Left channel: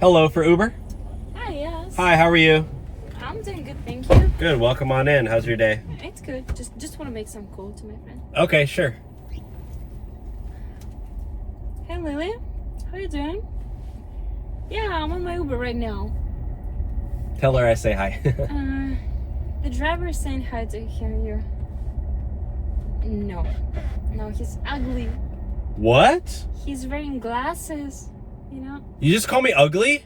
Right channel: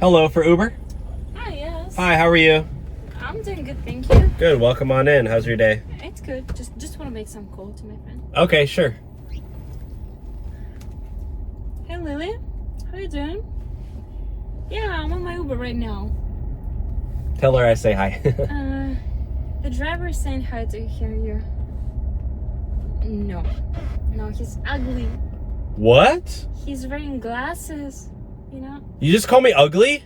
Hello, for Uber? Hi, yes. Hi, how are you? I'm doing good, thank you. Good, welcome on in. How's your day? It's good. Just want to make some call to my friend. Okay, sure. Hey, Lily. How you doing? Yeah, I'm on my Uber right now. Tell her I say hi. The driver is saying hi to you. No, he's ugly. What? He's wearing glasses, you know? You just call me ugly?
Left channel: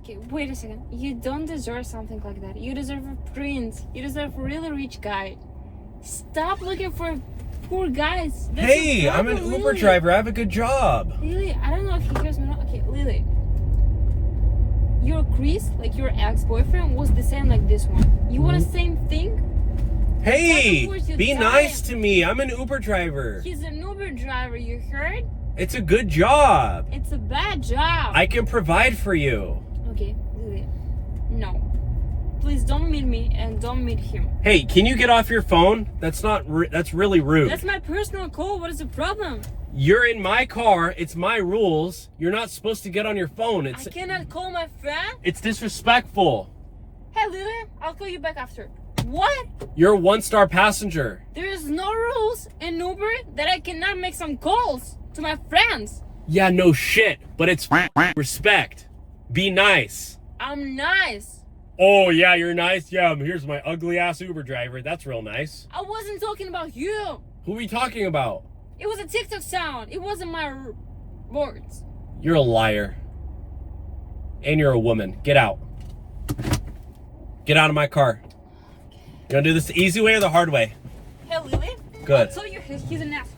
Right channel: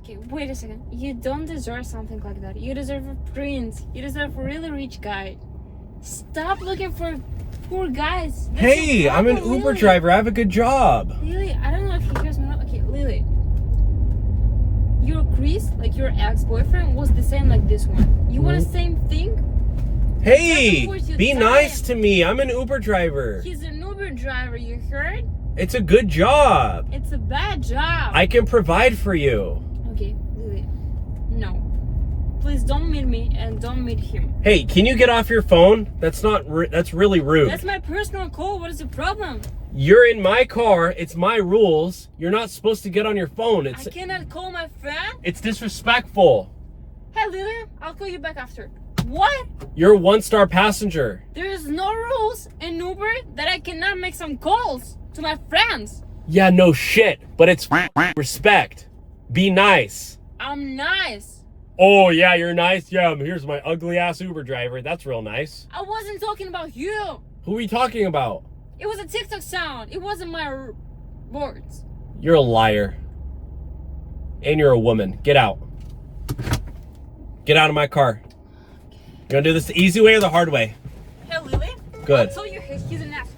Okay, wait a second. You don't deserve something like that. You deserve a prince. You deserve a really rich guy. Stop looking for poor guys. That's Hey, your I'm an problem, Uber Lily. driver. I have a good job. Lily, I don't know if he hears me. Okay, Lily. Your Chris, like your ex-boyfriend, was the same like this one. You want the same thing? Hey, worth your be time. nice to me. I'm an Uber driver. He's an Uber driver, you heard? It's a good job. It's a bad job. I can provide for you. Okay, Lily. No. Please don't meet me and don't meet him. Hey, can you get off your phone? That's really rude. That's my personal call. What is the problem? You're in my car. It's my rules. You're not supposed to get on your phone. I cannot call my friend. It's disrespectful. Hey, Lily, I'll call you back after. What? You're a one-star passenger. There is no rules in Uber that I cannot make some calls to my friends. Yeah, no shit. But it's respect. Be nice. I'm nice. Oh, yeah, you're nice? Yeah, here's my ugly-ass Uber driver. That's real nice. I wasn't talking about you. Who are we talking about? It was a TikTok sound. It wasn't my words. You're a liar. And you're a woman. Get out. Get out of my car. You gonna do this the easy way or the hard way? Hey, Lily. Good. I'll tell you, he's an ass.